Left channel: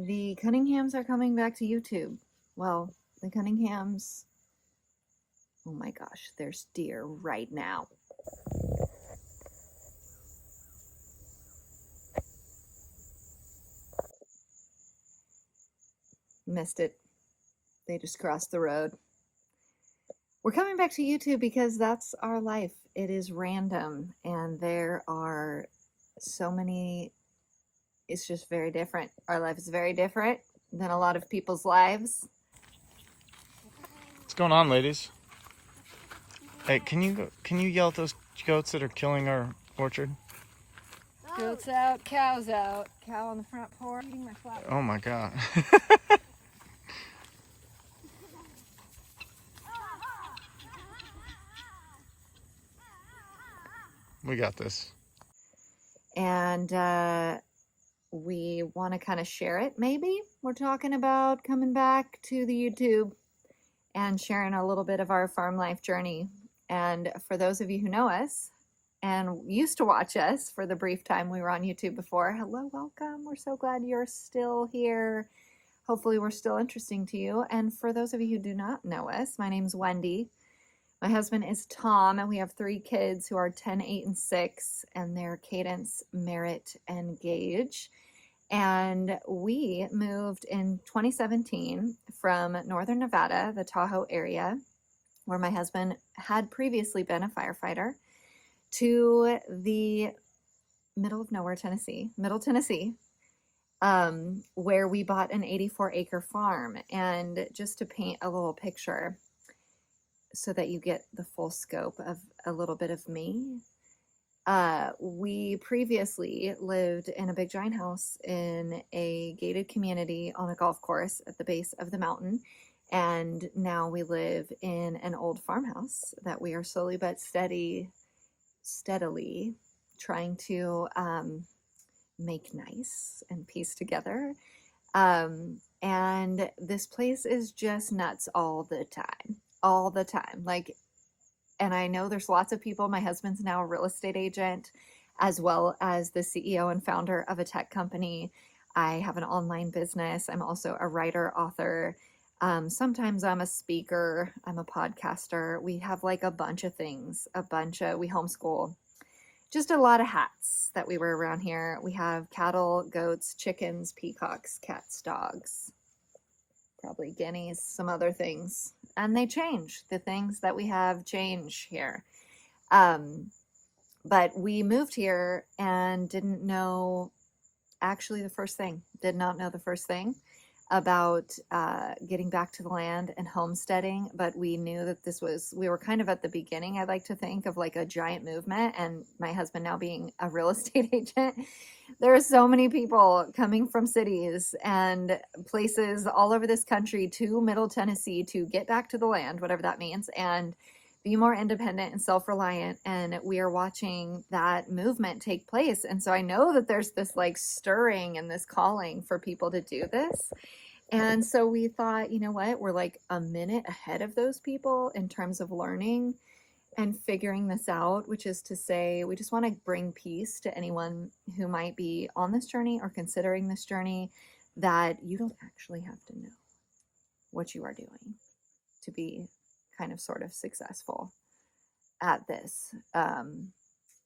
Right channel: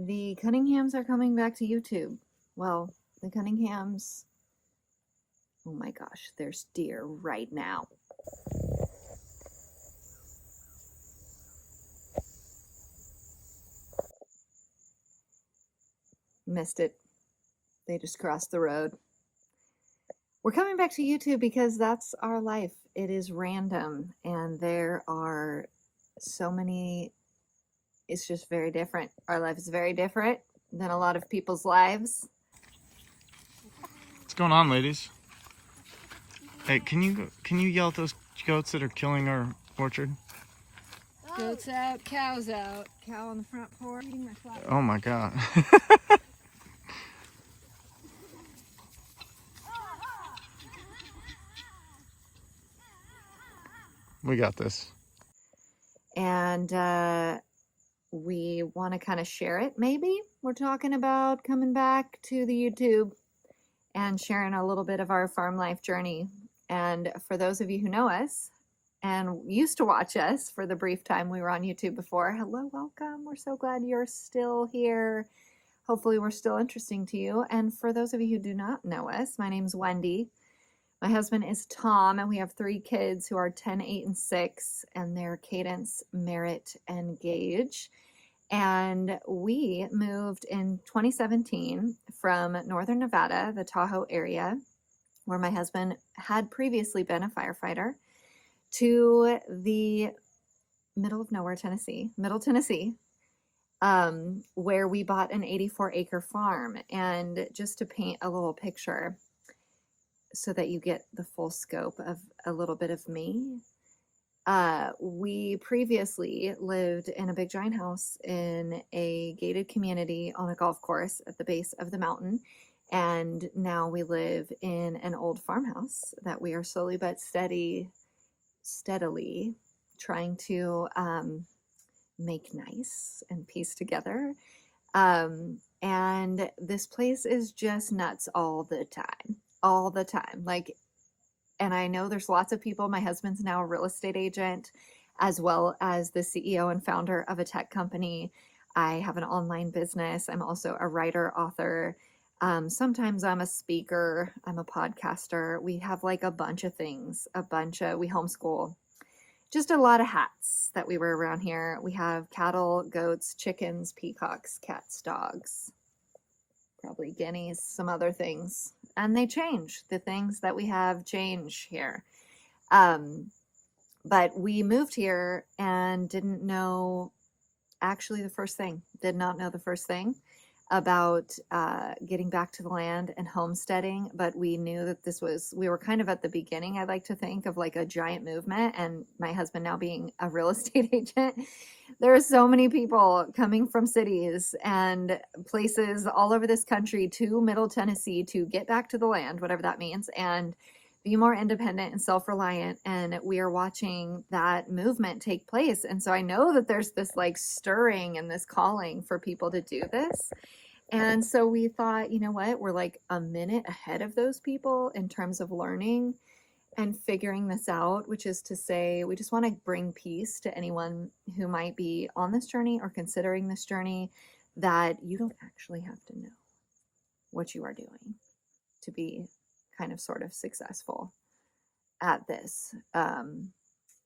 The Cunninghams are coming back to YouTube. Well, the Cunninghams, oh my gosh, there's deer right now. Missed it. They just crossed the road. We're coming back to YouTube because that's our life. It is random, and there are so many, it's just very different. Our life is very different than a lot of people's lives. What's going on, ladies? Hey, can you yell at those goats that are killing our orchard? Goats out, cows out. Cow on the front porch eating my flowers. Oh my god. We got this. And we want to kind of share it, maybe. We're talking about coming back to the YouTube and sharing a little bit of our farm life journey. And for those of you who know us and used to watch us for the brief time we were on YouTube before, hello, welcome. We're so glad you're still here. Hopefully we're still interesting to you. And for those of you who do not know us, my name's Wendy. My husband is Tom, and we have 3 kids who are 10, 8, and 6, and they're Cadence, Merritt, and Gage. And we moved in 2017 from Northern Nevada, the Tahoe area, where my husband had previously been a firefighter, to the middle of nowhere, Tennessee, Middle Tennessee, where we bought an 84-acre farm. And just to paint a little picture so that you get the full scope of a little bit of me, we previously lived in a big giant house in a gated community on a golf course at the base of the mountain. And now we live in an old farmhouse that we are slowly but steadily trying to make nice and piece together. And this place is just nuts all the time. Like, and I know there's lots of people. My husband's now a real estate agent, as well as the CEO and founder of a tech company. I have an online business. I'm also a writer, author. Sometimes I'm a speaker. I'm a podcaster. We have like a bunch of things, we homeschool. Just a lot of hats that we wear around here. We have cattle, goats, chickens, peacocks, cats, dogs, probably guineas, some other things. And they change. The things that we have change here. But we moved here and didn't know, actually did not know the first thing about getting back to the land and homesteading. But we knew that we were kind of at the beginning, I like to think, of like a giant movement. And my husband now being a real estate agent, there are so many people coming from cities and places all over this country to Middle Tennessee to get back to the land, whatever that means, and be more independent and self-reliant. And we are watching that movement take place. And so I know that there's this like stirring and this calling for people to do this. And so we thought, you know what, we're like a minute ahead of those people in terms of learning and figuring this out, which is to say, we just want to bring peace to anyone who might be on this journey or considering this journey, that you don't actually have to know what you are doing to be kind of sort of successful at this. And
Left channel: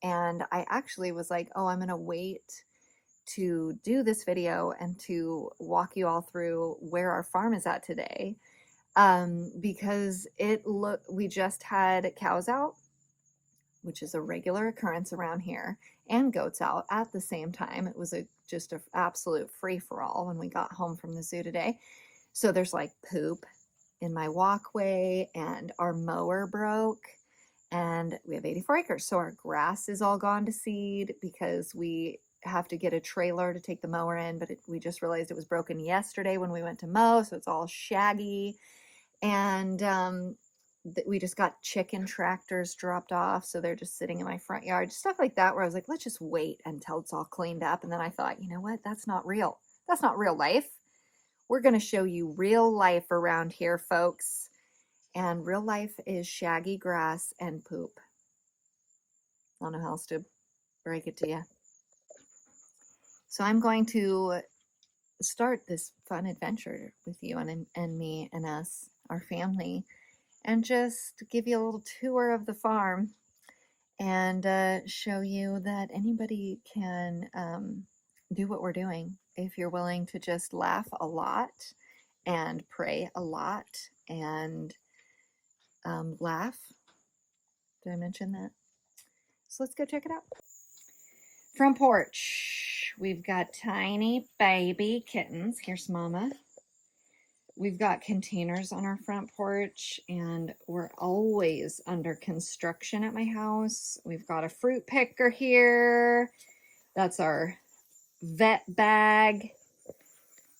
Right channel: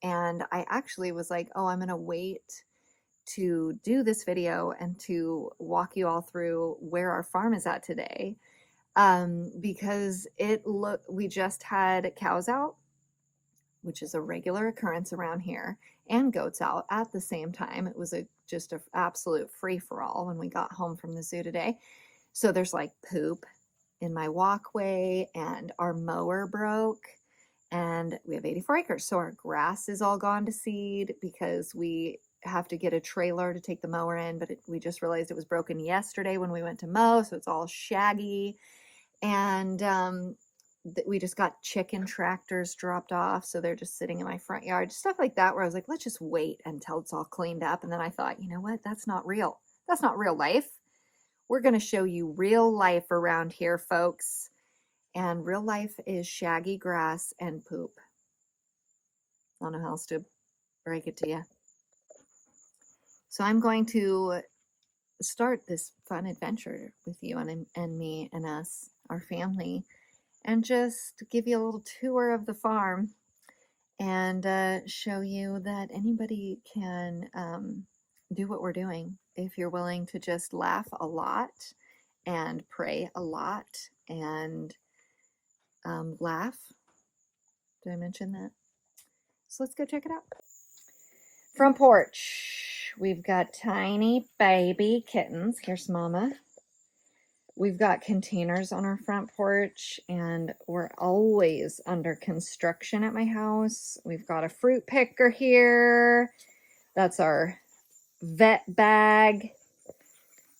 I actually was like, oh, I'm going to wait to do this video and to walk you all through where our farm is at today. Because we just had cows out, which is a regular occurrence around here, and goats out at the same time. It was just an absolute free-for-all when we got home from the zoo today. So there's like poop in my walkway, and our mower broke, and we have 84 acres. So our grass is all gone to seed because we have to get a trailer to take the mower in, but we just realized it was broken yesterday when we went to mow, so it's all shaggy. And we just got chicken tractors dropped off, so they're just sitting in my front yard, stuff like that, where I was like, let's just wait until it's all cleaned up. And then I thought, you know what, that's not real. That's not real life. We're going to show you real life around here, folks. And real life is shaggy grass and poop. I don't know how else to break it to you. So I'm going to start this fun adventure with you and me and us, our family, and just give you a little tour of the farm and show you that anybody can do what we're doing if you're willing to just laugh a lot and pray a lot and laugh. Did I mention that? So let's go check it out. Front porch. We've got tiny baby kittens. Here's Mama. We've got containers on our front porch, and we're always under construction at my house. We've got a fruit picker here. That's our vet bag.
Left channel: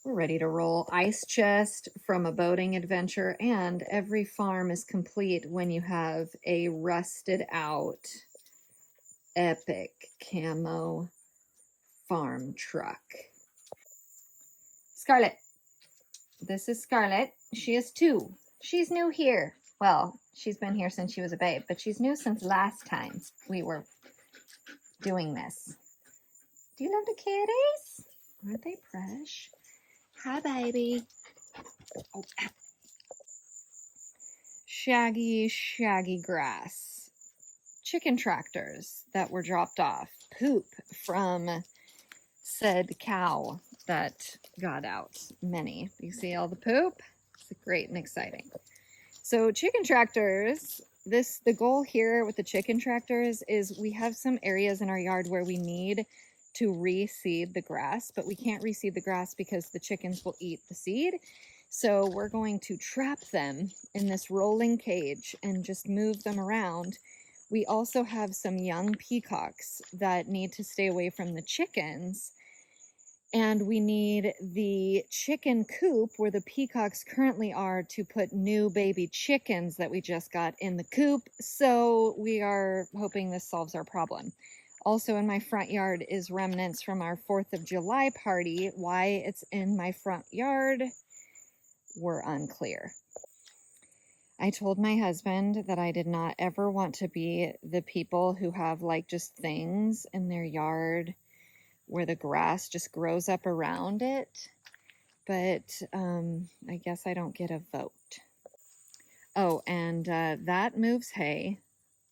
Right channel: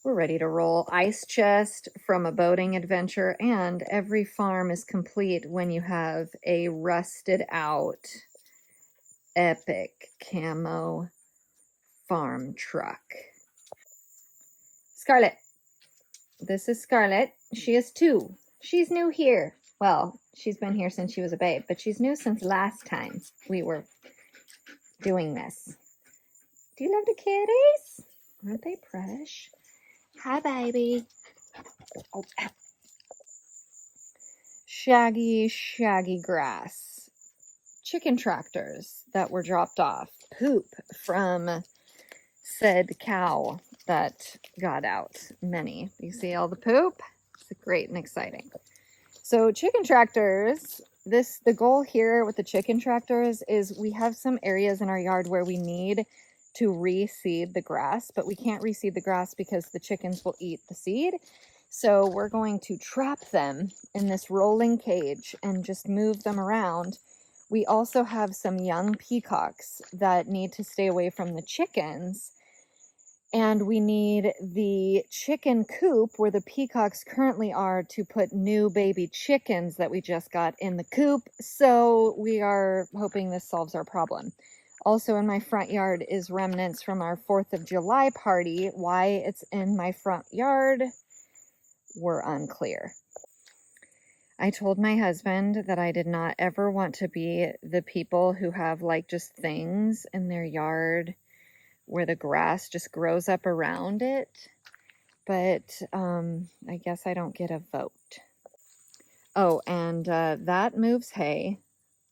We're ready to roll. Ice chest from a boating adventure, and every farm is complete when you have a rusted out epic camo farm truck. Scarlet. This is Scarlet. She is 2. She's new here. Well, she's been here since she was a babe, but she's new since last time we were doing this. Do you love the kitties? Aren't they fresh? Hi, baby. Oh. Shaggy grass. Chicken tractors that were dropped off. Poop from said cow that got out. Many. You see all the poop? It's great and exciting. So chicken tractors, the goal here with the chicken tractors is we have some areas in our yard where we need to reseed the grass, but we can't reseed the grass because the chickens will eat the seed. So we're going to trap them in this rolling cage and just move them around. We also have some young peacocks that need to stay away from the chickens. And we need the chicken coop where the peacocks currently are to put new baby chickens that we just got in the coop. So we are hoping this solves our problem. Also in my front yard is remnants from our 4th of July party. Why it's in my front yard, we're unclear. I told my husband that I did not ever want to be the people who have like just things in their yard where the grass just grows up around it. But I guess I don't get a vote. Oh, and that moves hay.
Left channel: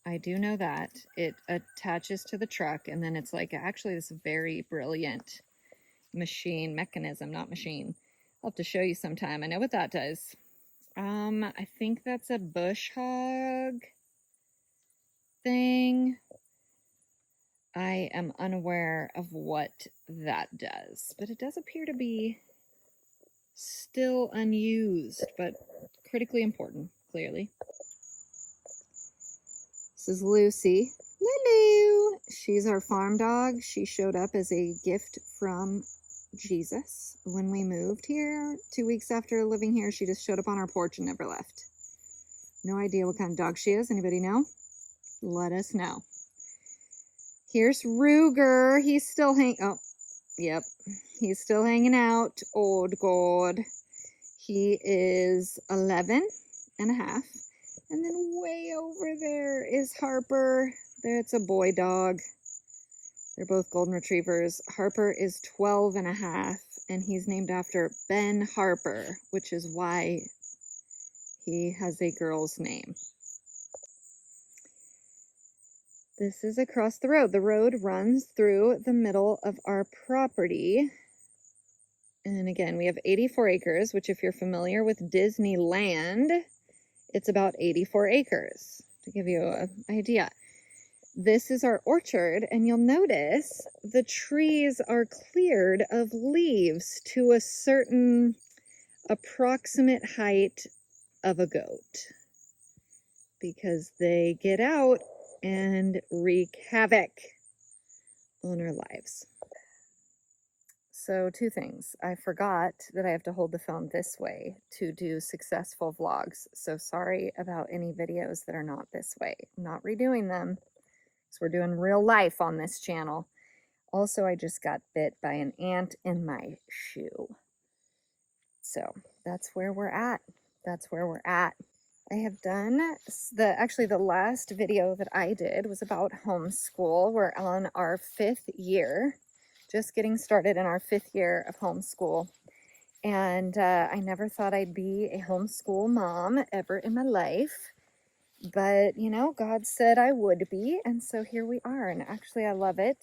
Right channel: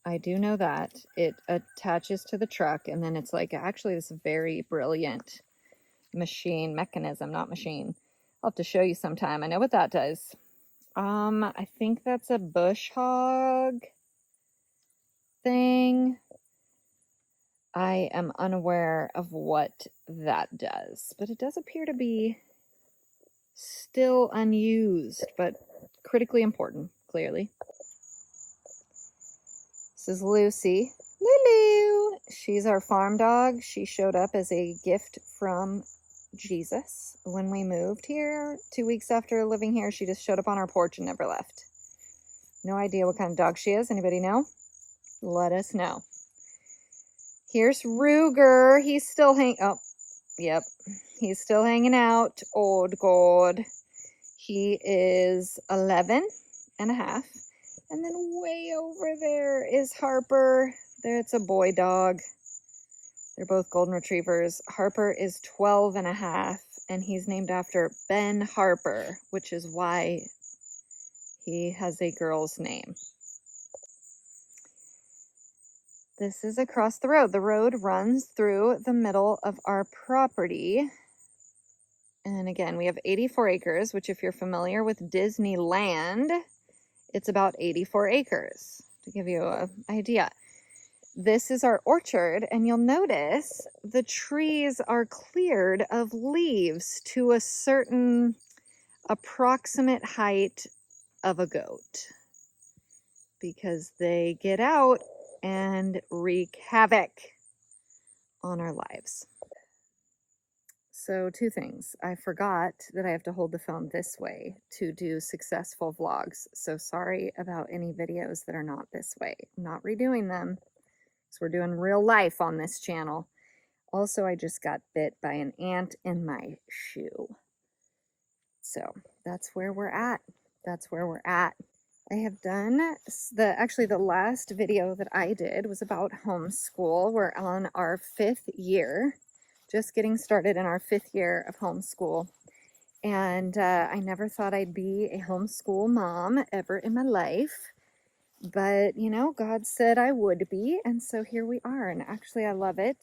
I do know that. It attaches to the truck, and then it's like actually this very brilliant mechanism, not machine. I'll have to show you sometime. I know what that does. I think that's a bush hog thing. I am unaware of what that does, but it does appear to be still unused, but critically important, clearly. This is Lucy. Lulu! She's our farm dog. She showed up as a gift from Jesus when we moved here 2 weeks after living here. She just showed up on our porch and never left. No idea what kind of dog she is. Anybody know? Let us know. Here's Ruger. He's still he's still hanging out. Oh God. He is 11 and a half. And then way over there is Harper. It's a boy dog. They're both golden retrievers. Harper is 12 and a half, and he's named after Ben Harper, which is why he has a girl's name. This is across the road. The road runs through the middle of our property. And again, we have 84 acres, which if you're familiar with Disneyland, it's about 84 acres, to give you an idea. This is our orchard, and you'll notice the trees are cleared of leaves to a certain approximate height of a goat, because they get out and wreak havoc on our lives. So 2 things. I forgot that I have to hold the phone this way to do successful vlogs. So sorry about any videos that are not this way. I'm not redoing them. So we're doing real life on this channel. Also, I just got bit by an ant in my shoe. So that's where we're at. That's where we're at. I have done the last video that I did was about homeschool. We're on our 5th year, just getting started in our 5th year of homeschool. And I never thought I'd be a homeschool mom ever in my life. But, you know, God said I would be. And so here we are. And actually, I love it.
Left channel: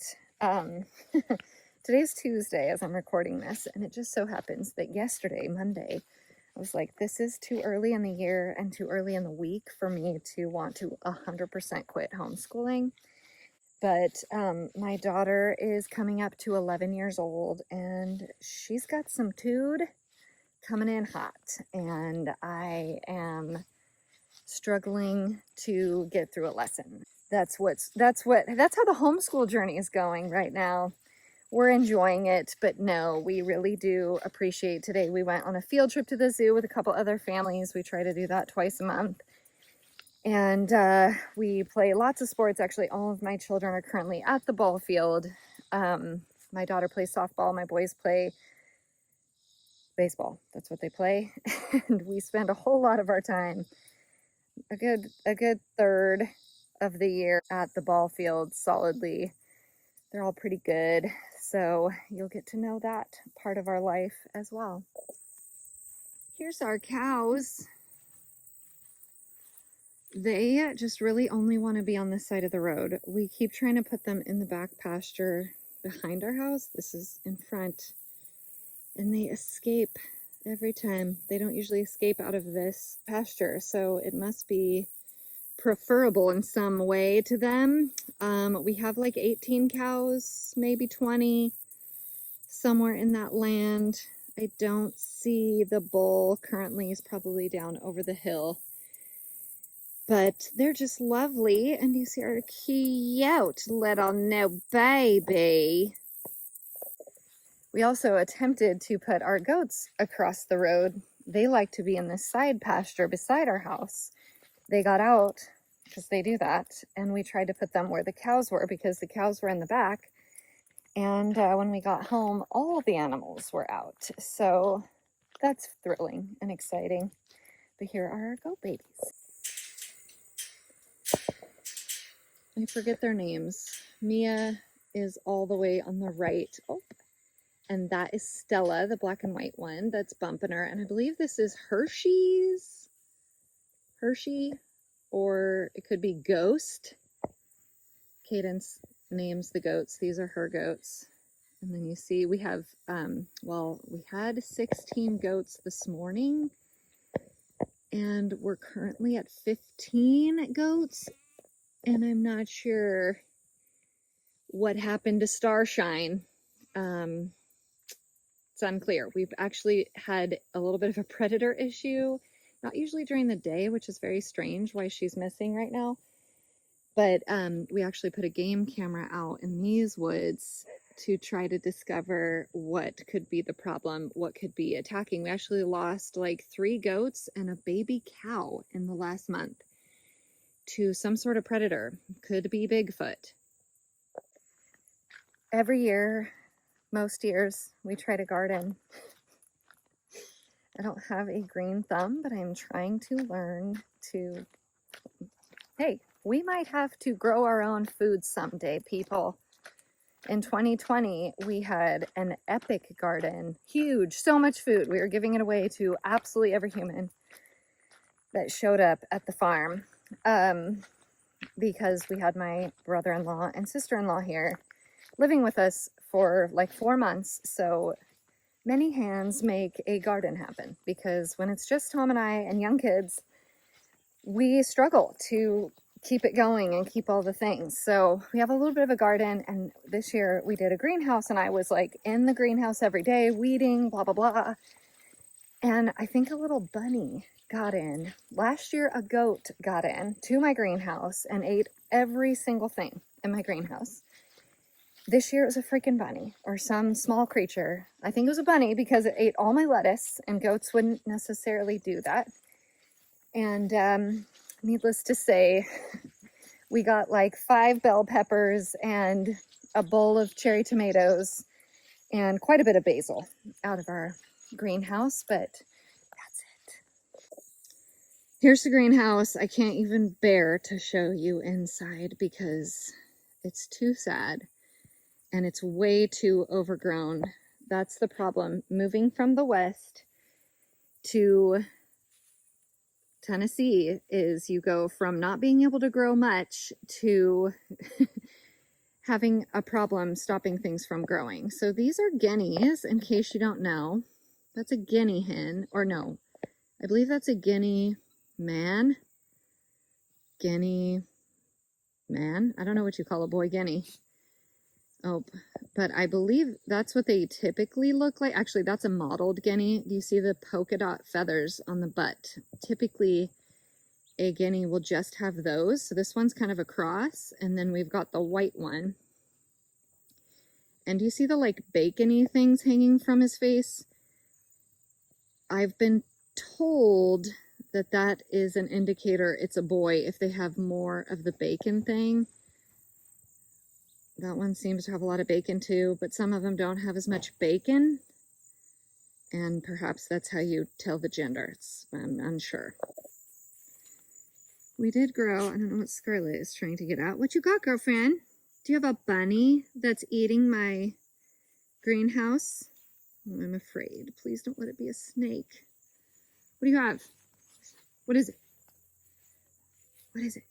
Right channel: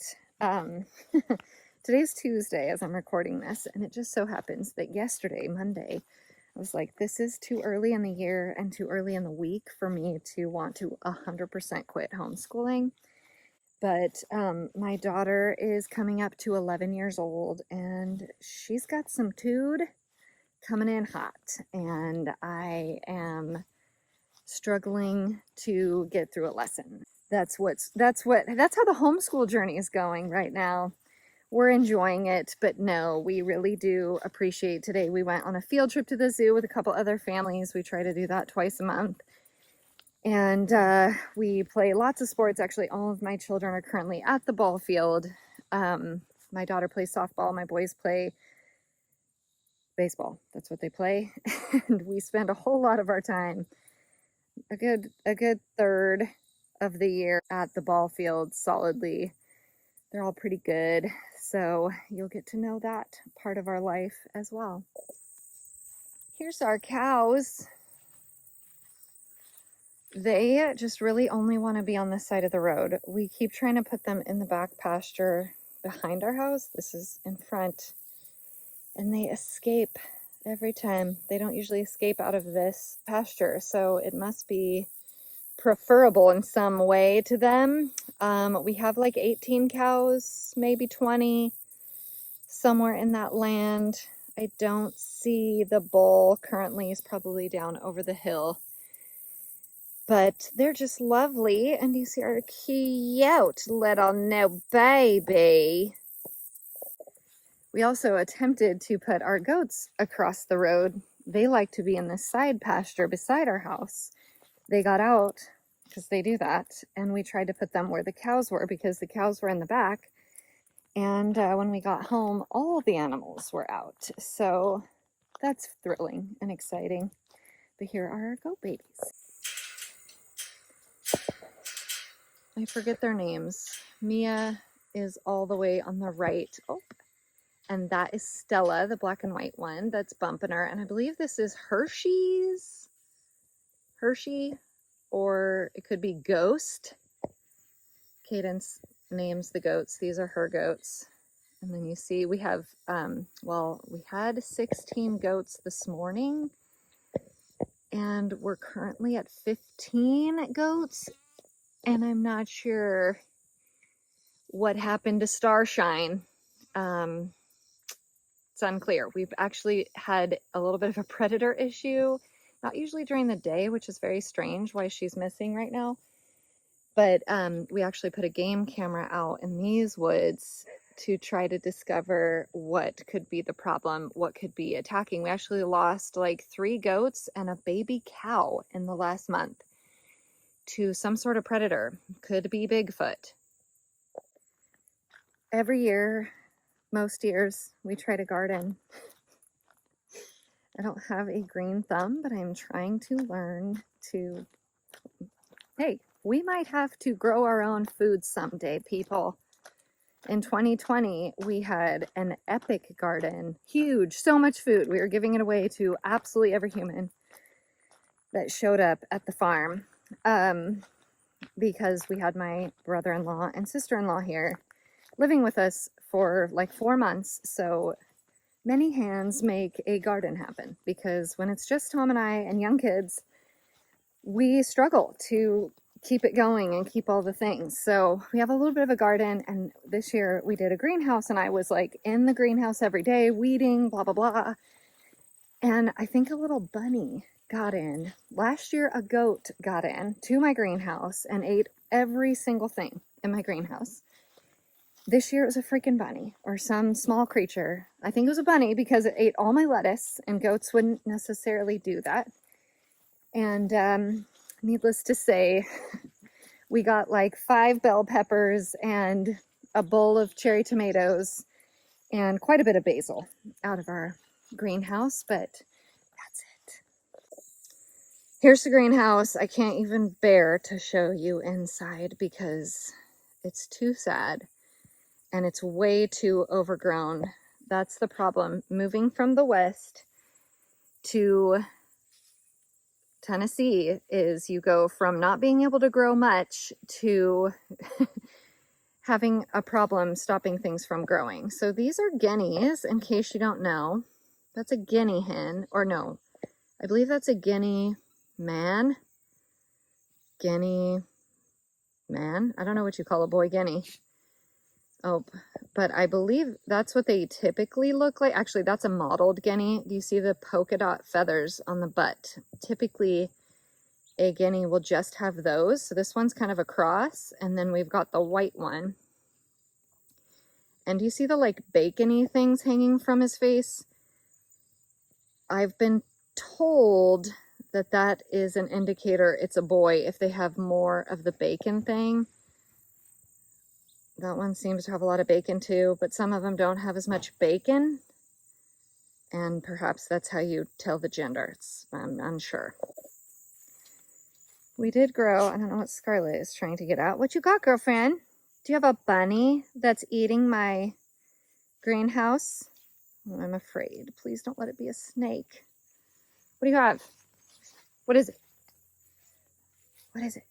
Today's Tuesday as I'm recording this. And it just so happens that yesterday, Monday, I was like, this is too early in the year and too early in the week for me to want to 100% quit homeschooling. But my daughter is coming up to 11 years old and she's got some tude coming in hot. And I am struggling to get through a lesson. That's how the homeschool journey is going right now. We're enjoying it, but no, we really do appreciate today. We went on a field trip to the zoo with a couple other families. We try to do that twice a month. And we play lots of sports. Actually, all of my children are currently at the ball field. My daughter plays softball. My boys play baseball. That's what they play. And we spend a whole lot of our time, a good third of the year at the ball field solidly. They're all pretty good. So you'll get to know that part of our life as well. Here's our cows. They just really only want to be on this side of the road. We keep trying to put them in the back pasture behind our house. This is in front. And they escape every time. They don't usually escape out of this pasture. So it must be preferable in some way to them. We have like 18 cows, maybe 20, somewhere in that land. I don't see the bull currently. Is probably down over the hill. But they're just lovely. And you see our cute little new baby. We also attempted to put our goats across the road. They like to be in this side pasture beside our house. They got out because they do that. And we tried to put them where the cows were because the cows were in the back. And when we got home, all the animals were out. So that's thrilling and exciting. But here are our goat babies. I forget their names. Mia is all the way on the right. Oh, and that is Stella, the black and white one that's bumping her. And I believe this is Hershey, or it could be Ghost. Cadence names the goats. These are her goats. And then you see we have, we had 16 goats this morning. And we're currently at 15 goats. And I'm not sure what happened to Starshine. It's unclear. We've actually had a little bit of a predator issue, not usually during the day, which is very strange why she's missing right now. But we actually put a game camera out in these woods to try to discover what could be the problem, what could be attacking. We actually lost like 3 goats and a baby cow in the last month to some sort of predator. Could be Bigfoot. Every year, most years, we try to garden. I don't have a green thumb, but I'm trying to learn to... Hey, we might have to grow our own food someday, people. In 2020, we had an epic garden. Huge, so much food. We were giving it away to absolutely every human that showed up at the farm. Because we had my brother-in-law and sister-in-law here living with us for like 4 months. So many hands make a garden happen, because when it's just Tom and I and young kids, we struggle to keep it going and keep all the things. So we have a little bit of a garden, and this year we did a greenhouse, and I was like in the greenhouse every day, weeding, blah, blah, blah. And I think a little bunny got in. Last year, a goat got in to my greenhouse and ate every single thing in my greenhouse. This year it was a freaking bunny or some small creature. I think it was a bunny because it ate all my lettuce, and goats wouldn't necessarily do that. And needless to say, we got like 5 bell peppers and a bowl of cherry tomatoes and quite a bit of basil out of our greenhouse, but that's it. Here's the greenhouse. I can't even bear to show you inside because it's too sad and it's way too overgrown. That's the problem. Moving from the West to Tennessee is you go from not being able to grow much to having a problem stopping things from growing. So these are guineas, in case you don't know. That's a guinea hen, or no, I believe that's a guinea man. Guinea man? I don't know what you call a boy guinea. Oh, but I believe that's what they typically look like. Actually, that's a mottled guinea. Do you see the polka dot feathers on the butt? Typically, a guinea will just have those. So this one's kind of a cross, and then we've got the white one. And do you see the like bacony things hanging from his face? I've been told that that is an indicator it's a boy if they have more of the bacon thing. That one seems to have a lot of bacon too, but some of them don't have as much bacon. And perhaps that's how you tell the gender. I'm unsure. We did grow, I don't know what Scarlett is trying to get at. What you got, girlfriend? Do you have a bunny that's eating my greenhouse? Oh, I'm afraid. Please don't let it be a snake. What do you have? What is it? What is it?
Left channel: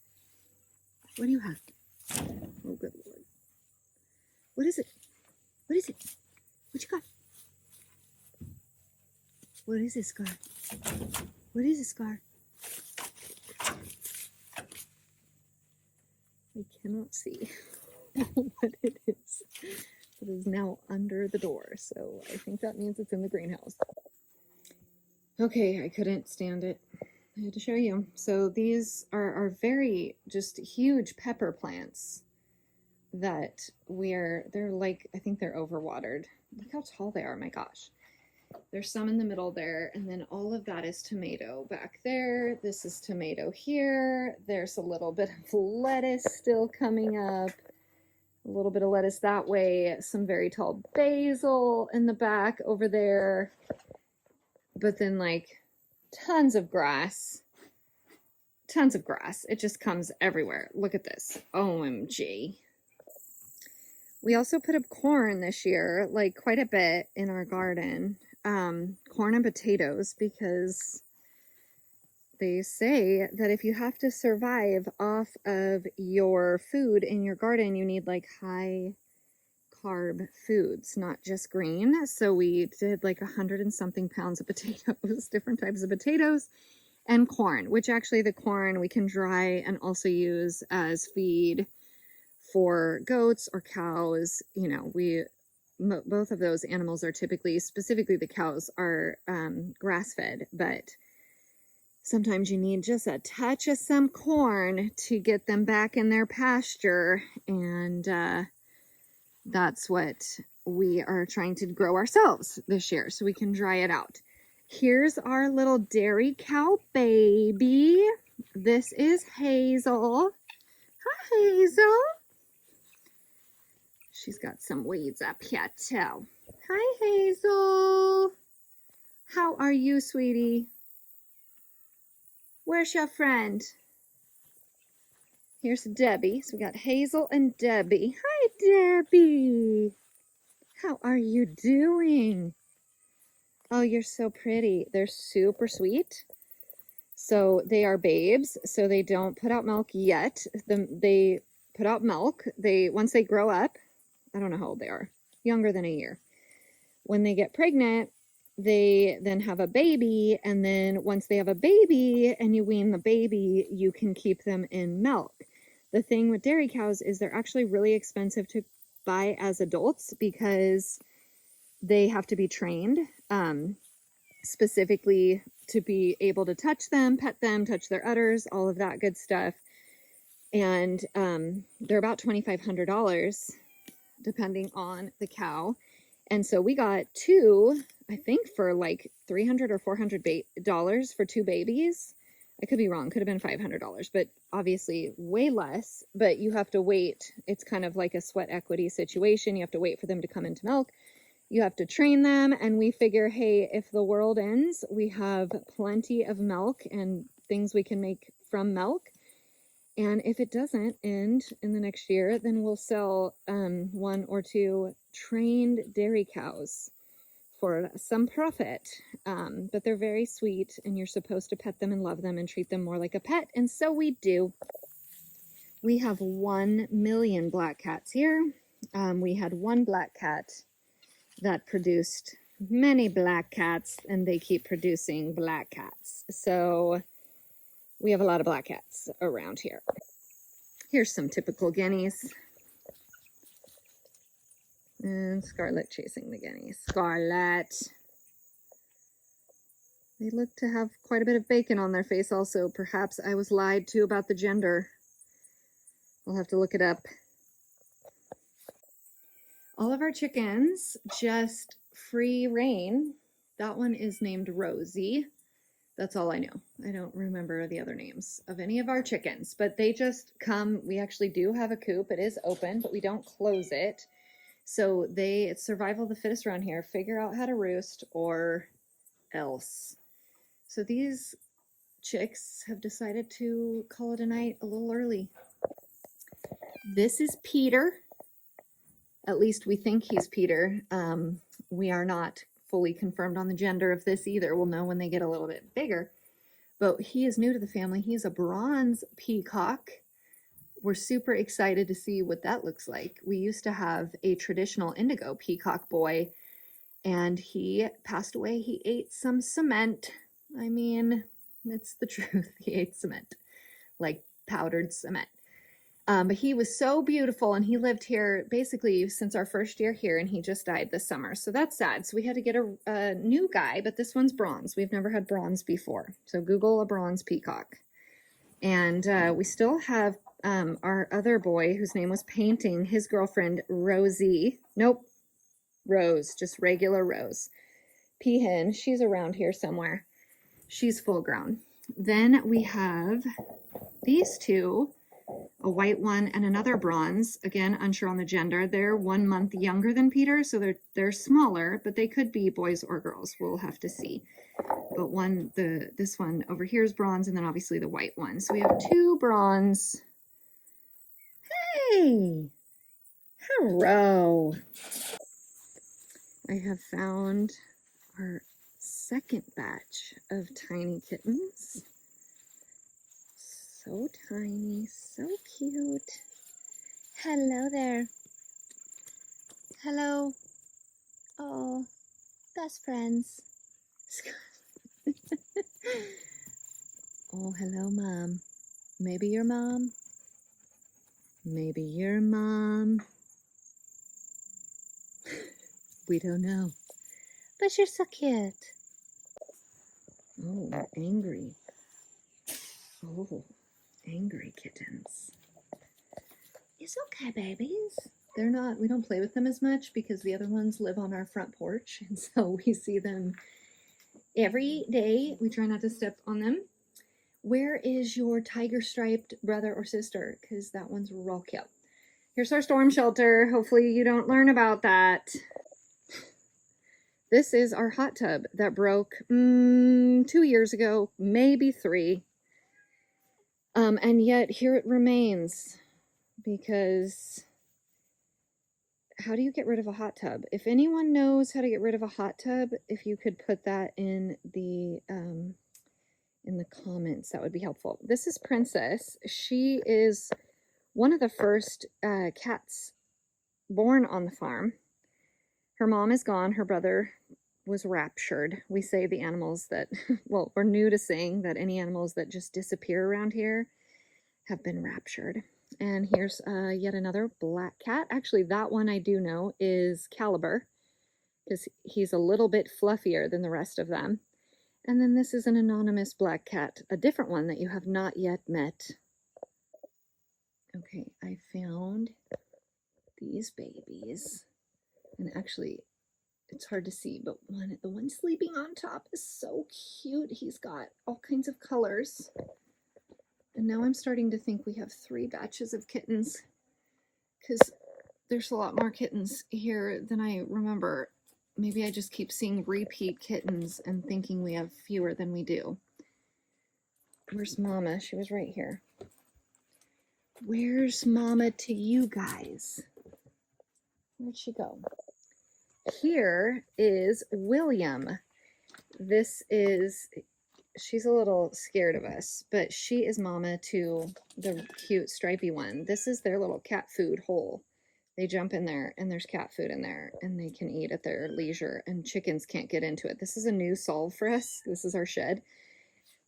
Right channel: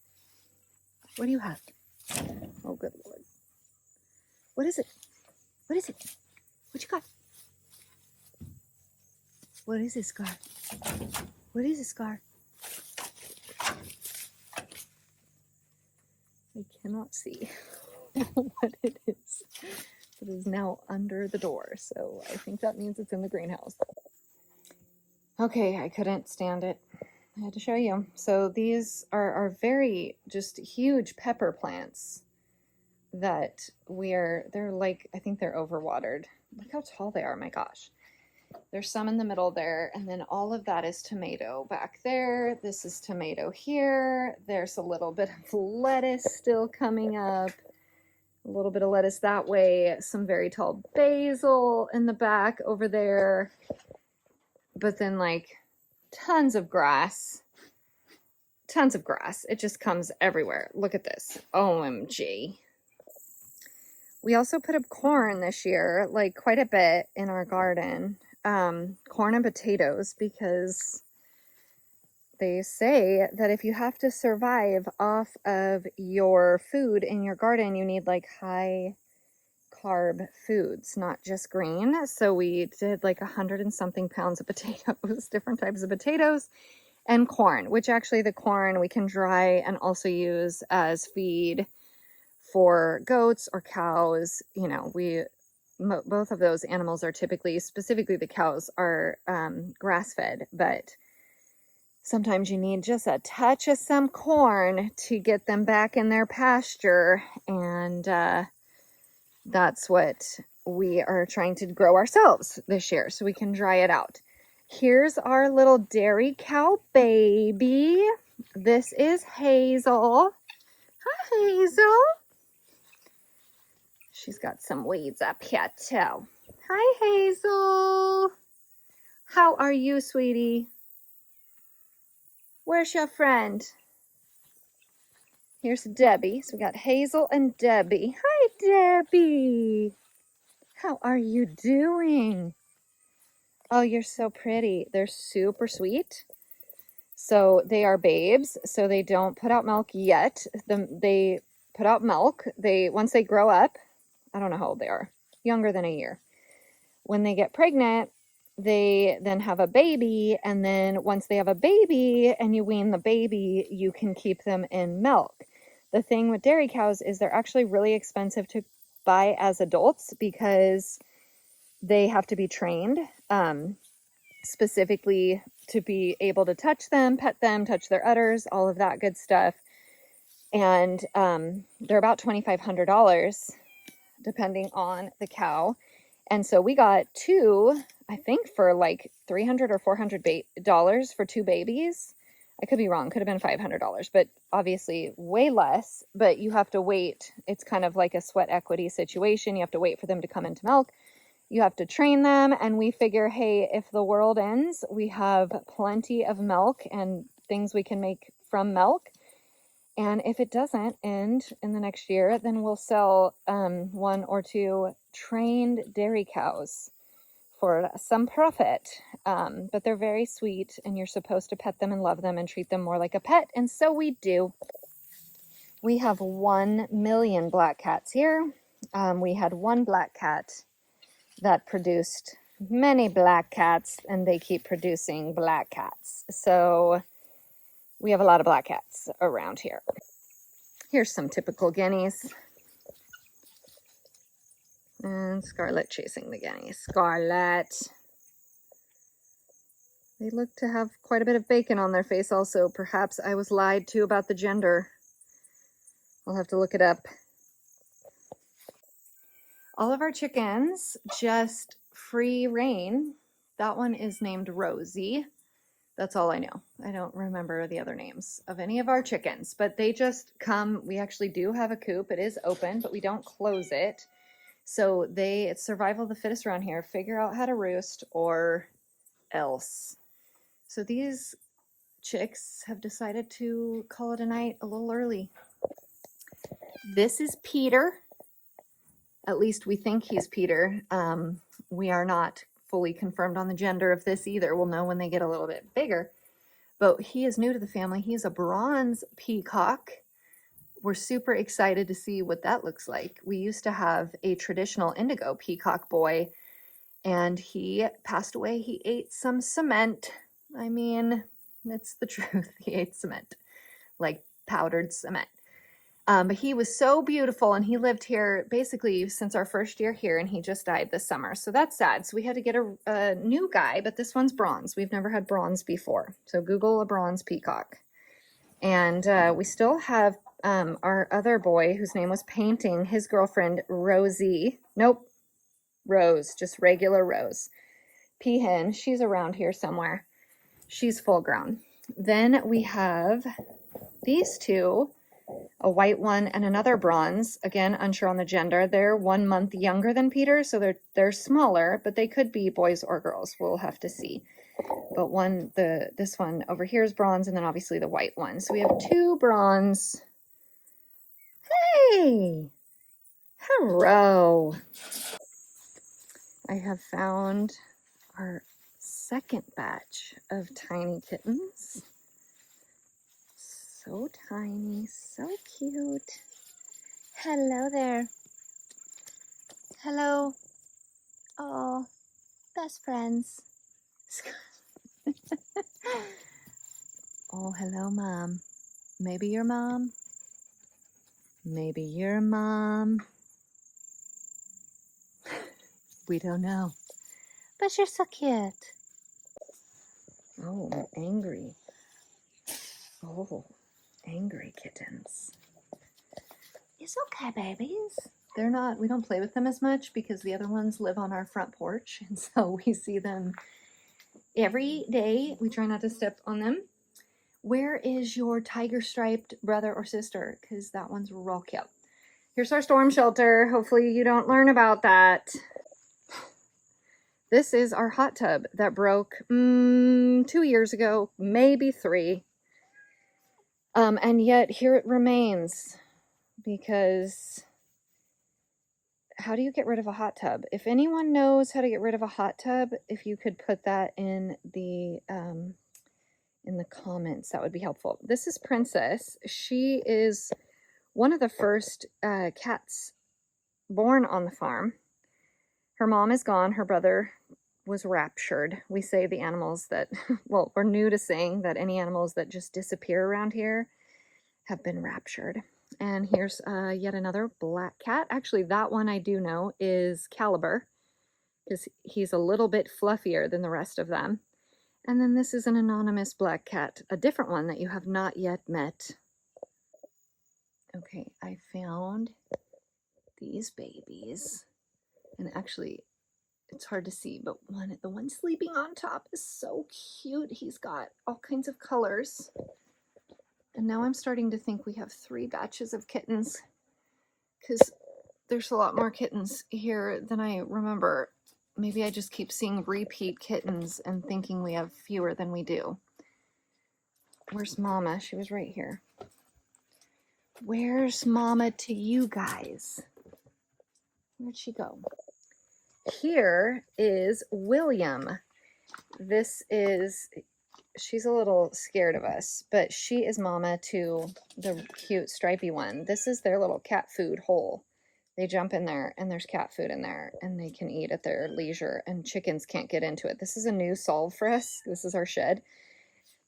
What do you have? Oh, good Lord. What is it? What is it? What you got? What is it, Scar? What is it, Scar? I cannot see what it is. It is now under the door, so I think that means it's in the greenhouse. Okay, I couldn't stand it. I had to show you. So these are very just huge pepper plants that they're like, I think they're overwatered. Look how tall they are, my gosh. There's some in the middle there, and then all of that is tomato back there. This is tomato here. There's a little bit of lettuce still coming up. A little bit of lettuce that way. Some very tall basil in the back over there. But then like tons of grass. Tons of grass. It just comes everywhere. Look at this. OMG. We also put up corn this year, like quite a bit in our garden. Corn and potatoes, because they say that if you have to survive off of your food in your garden, you need like high carb foods, not just green. So we did like 100 and something pounds of potatoes, different types of potatoes, and corn, which actually the corn we can dry and also use as feed for goats or cows. You know, both of those animals are typically, specifically the cows, are grass-fed, but sometimes you need just a touch of some corn to get them back in their pasture, and that's what we are trying to grow ourselves this year so we can dry it out. Here's our little dairy cow baby. This is Hazel. Hi, Hazel. She's got some weeds up here too. Hi, Hazel. How are you, sweetie? Where's your friend? Here's Debbie. So we got Hazel and Debbie. Hi, Debbie. How are you doing? Oh, you're so pretty. They're super sweet. So they are babes. So they don't put out milk yet. They put out milk. Once they grow up, I don't know how old they are, younger than a year. When they get pregnant, they then have a baby, and then once they have a baby and you wean the baby, you can keep them in milk. The thing with dairy cows is they're actually really expensive to buy as adults because they have to be trained specifically to be able to touch them, pet them, touch their udders, all of that good stuff. And they're about $2,500 depending on the cow. And so we got two, I think for like $300 or $400 for two babies. I could be wrong, could have been $500, but obviously way less. But you have to wait. It's kind of like a sweat equity situation. You have to wait for them to come into milk. You have to train them. And we figure, hey, if the world ends, we have plenty of milk and things we can make from milk. And if it doesn't end in the next year, then we'll sell 1 or 2 trained dairy cows for some profit. But they're very sweet, and you're supposed to pet them and love them and treat them more like a pet, and so we do. We have 1 million black cats here. We had one black cat that produced many black cats, and they keep producing black cats. So we have a lot of black cats around here. Here's some typical guineas. And Scarlet chasing the guineas. Scarlet. They look to have quite a bit of bacon on their face also. Perhaps I was lied to about the gender. I'll have to look it up. All of our chickens just free reign. That one is named Rosie. That's all I know. I don't remember the other names of any of our chickens, but they just come. We actually do have a coop. It is open, but we don't close it. So it's survival of the fittest around here. Figure out how to roost or else. So these chicks have decided to call it a night a little early. This is Peter. At least we think he's Peter. We are not fully confirmed on the gender of this either. We'll know when they get a little bit bigger. But he is new to the family. He's a bronze peacock. We're super excited to see what that looks like. We used to have a traditional indigo peacock boy, and he passed away. He ate some cement. I mean, it's the truth. He ate cement, like powdered cement. But he was so beautiful, and he lived here basically since our first year here, and he just died this summer. So that's sad. So we had to get a new guy, but this one's bronze. We've never had bronze before. So Google a bronze peacock. And we still have our other boy whose name was Painting, his girlfriend, Rosie. Nope, Rose, just regular Rose. Peahen, she's around here somewhere. She's full grown. Then we have these two, a white one and another bronze. Again, unsure on the gender. They're 1 month younger than Peter, so they're smaller, but they could be boys or girls. We'll have to see. But this one over here is bronze, and then obviously the white one. So we have 2 bronze. Hey! Hello! I have found our second batch of tiny kittens. So tiny, so cute. Hello there. Hello. Oh, best friends. Oh, hello, Mom. Maybe your mom. Maybe your mom. We don't know. But you're so cute. Oh, angry. Oh, angry kittens. It's okay, babies. We don't play with them as much because the other ones live on our front porch. And so we see them every day. We try not to step on them. Where is your tiger striped brother or sister? Because that one's real cute. Here's our storm shelter. Hopefully you don't learn about that. This is our hot tub that broke 2 years ago, maybe 3. And yet here it remains, because how do you get rid of a hot tub? If anyone knows how to get rid of a hot tub, if you could put that in the comments, that would be helpful. This is Princess. She is one of the first cats born on the farm. Her mom is gone. Her brother was raptured. We say the animals that, well, we're new to saying that any animals that just disappear around here have been raptured. And here's yet another black cat. Actually, that one I do know is Caliber, because he's a little bit fluffier than the rest of them. And then this is an anonymous black cat, a different one that you have not yet met. Okay, I found these babies. And actually, it's hard to see, but the one sleeping on top is so cute. He's got all kinds of colors. And now I'm starting to think we have 3 batches of kittens, because there's a lot more kittens here than I remember. Maybe I just keep seeing repeat kittens and thinking we have fewer than we do. Where's Mama? She was right here. Where's Mama to you guys? Where'd she go? here is William. She's a little scared of us, but she is mama to the cute stripy one. This is their little cat food hole. They jump in there and there's cat food in there and they can eat at their leisure, and chickens can't get into it. This is a new solve for us. This is our shed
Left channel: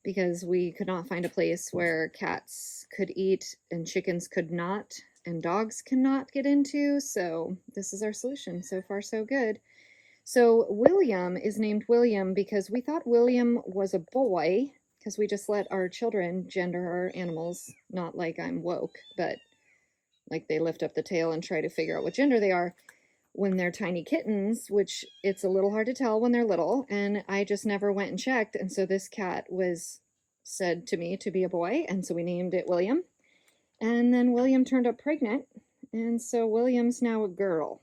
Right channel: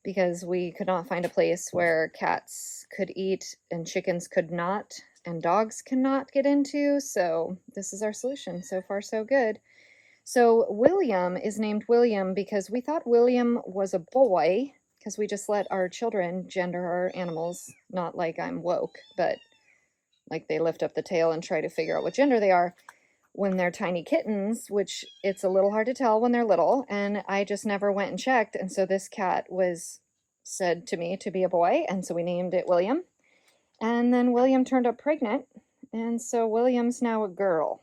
because we could not find a place where cats could eat and chickens could not and dogs cannot get into. So this is our solution. So far, so good. So William is named William because we thought William was a boy because we just let our children gender our animals, not like I'm woke, but like they lift up the tail and try to figure out what gender they are when they're tiny kittens, which it's a little hard to tell when they're little. And I just never went and checked. And so this cat was said to me to be a boy. And so we named it William. And then William turned up pregnant. And so William's now a girl.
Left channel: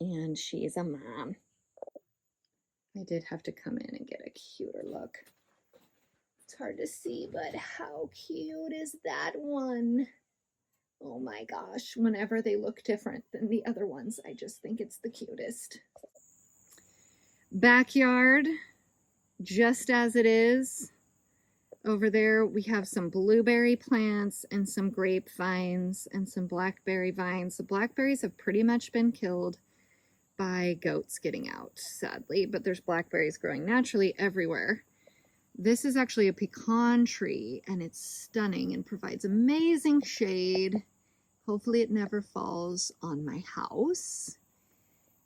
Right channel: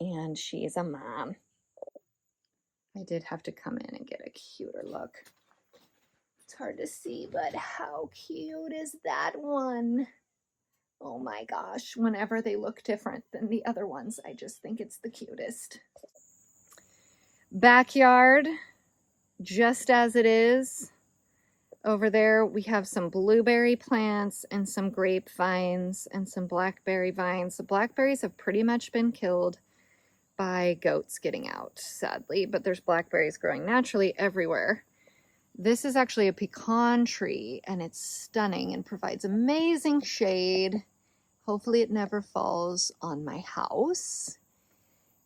And she's a mom. I did have to come in and get a cuter look. It's hard to see, but how cute is that one? Oh my gosh, whenever they look different than the other ones, I just think it's the cutest. Backyard, just as it is. Over there, we have some blueberry plants and some grapevines and some blackberry vines. The blackberries have pretty much been killed by goats getting out, sadly, but there's blackberries growing naturally everywhere. This is actually a pecan tree, and it's stunning and provides amazing shade. Hopefully it never falls on my house.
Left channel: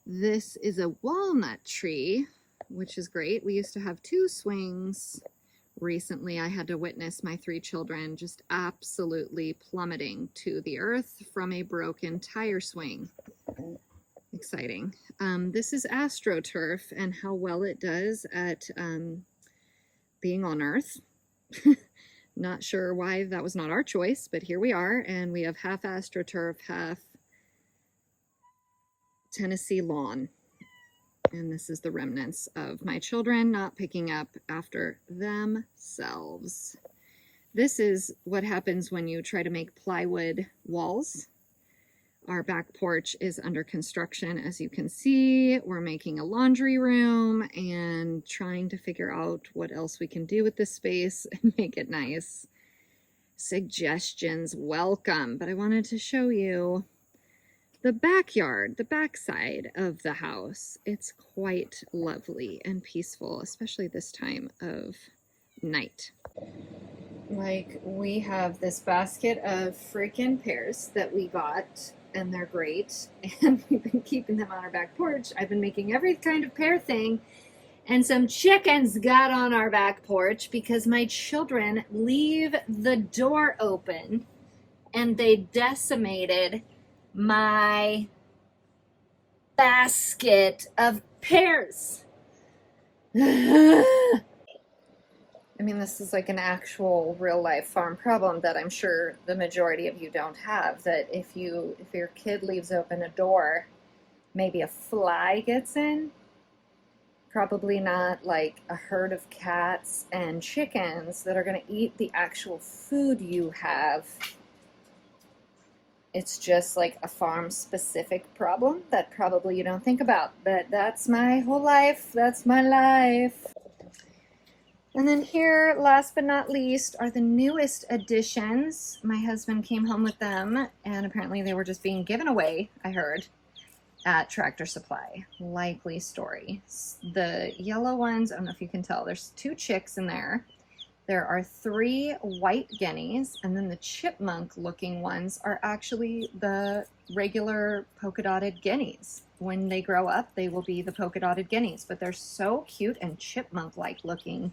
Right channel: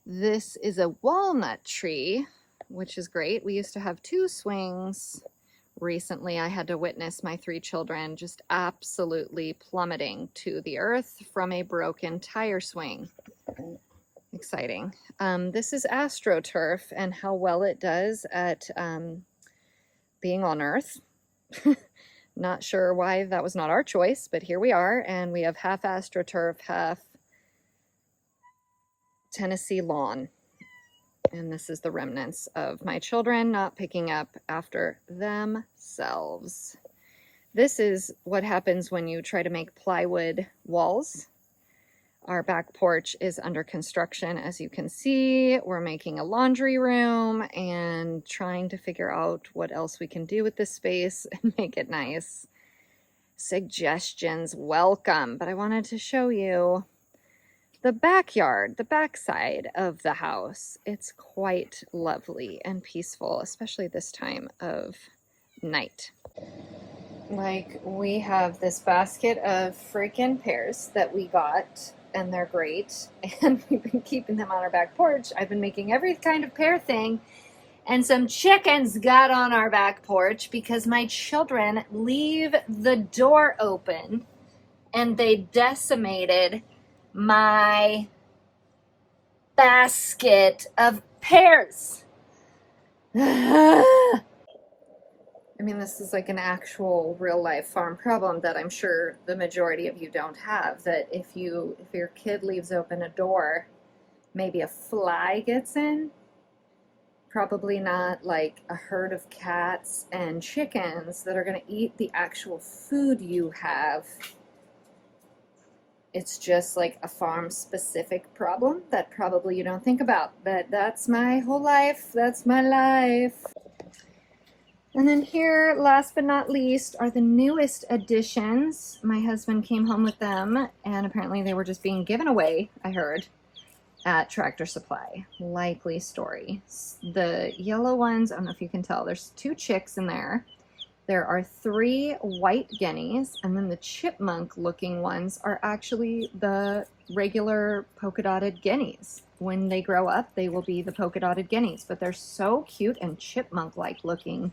This is a walnut tree, which is great. We used to have 2 swings. Recently, I had to witness my 3 children just absolutely plummeting to the earth from a broken tire swing. Exciting. This is AstroTurf and how well it does at being on Earth. Not sure why that was not our choice, but here we are, and we have half AstroTurf, half Tennessee lawn. And this is the remnants of my children not picking up after themselves. This is what happens when you try to make plywood walls. Our back porch is under construction, as you can see. We're making a laundry room and trying to figure out what else we can do with this space and make it nice. Suggestions welcome, but I wanted to show you the backyard, the backside of the house. It's quite lovely and peaceful, especially this time of night. Like, we have this basket of freaking pears that we got, and they're great, and we've been keeping them on our back porch. I've been making every kind of pear thing, and some chickens got on our back porch because my children leave the door open, and they decimated my basket of pears. I mean, this is like an actual real life farm problem that I'm sure the majority of you don't have, that if your kid leaves open a door, maybe a fly gets in. Probably not like a herd of cats and chickens that are going to eat the actual food you have. It's just like a farm specific problem that probably you don't think about, but that's my whole life. That's my life. And then here, last but not least, are the newest additions. My husband came home with them, and apparently they were just being given away, I heard, at Tractor Supply. Likely story. The yellow ones, I don't know if you can tell, there's 2 chicks in there. There are 3 white guineas, and then the chipmunk-looking ones are actually the regular polka-dotted guineas. When they grow up, they will be the polka-dotted guineas, but they're so cute and chipmunk-like looking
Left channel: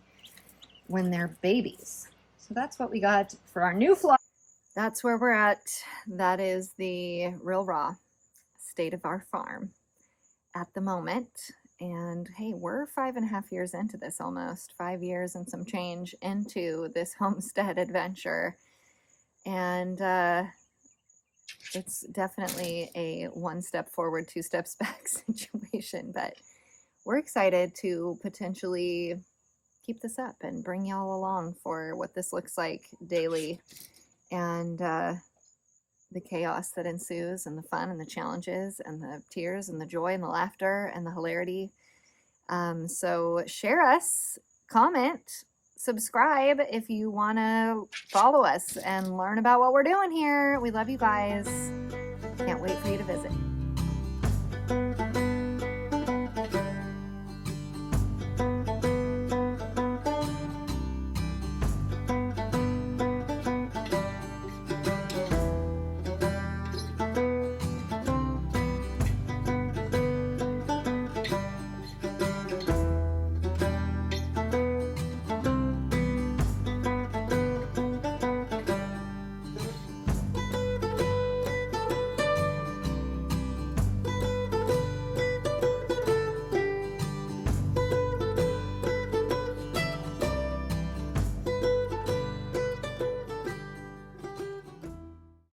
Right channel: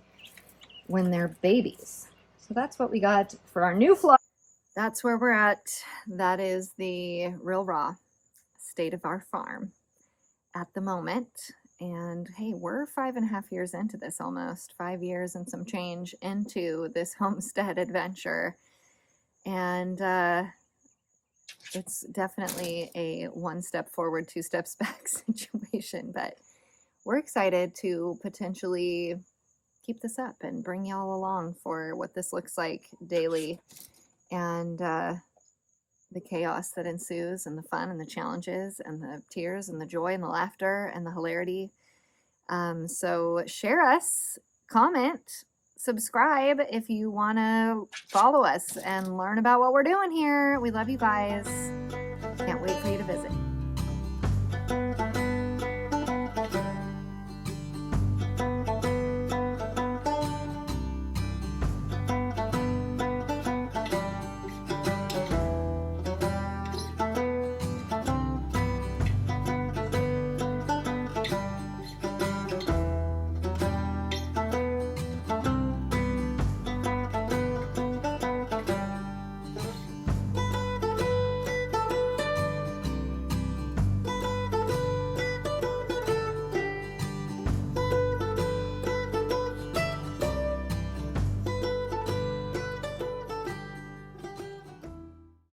when they're babies. So that's what we got for our new floor. That's where we're at. That is the real raw state of our farm at the moment. And hey, we're 5.5 years into this, almost 5 years and some change into this homestead adventure. And it's definitely a 1 step forward, 2 steps back situation, but we're excited to potentially keep this up and bring y'all along for what this looks like daily. And the chaos that ensues, and the fun and the challenges and the tears and the joy and the laughter and the hilarity. So share us, comment, subscribe if you want to follow us and learn about what we're doing here. We love you guys. Can't wait for you to visit.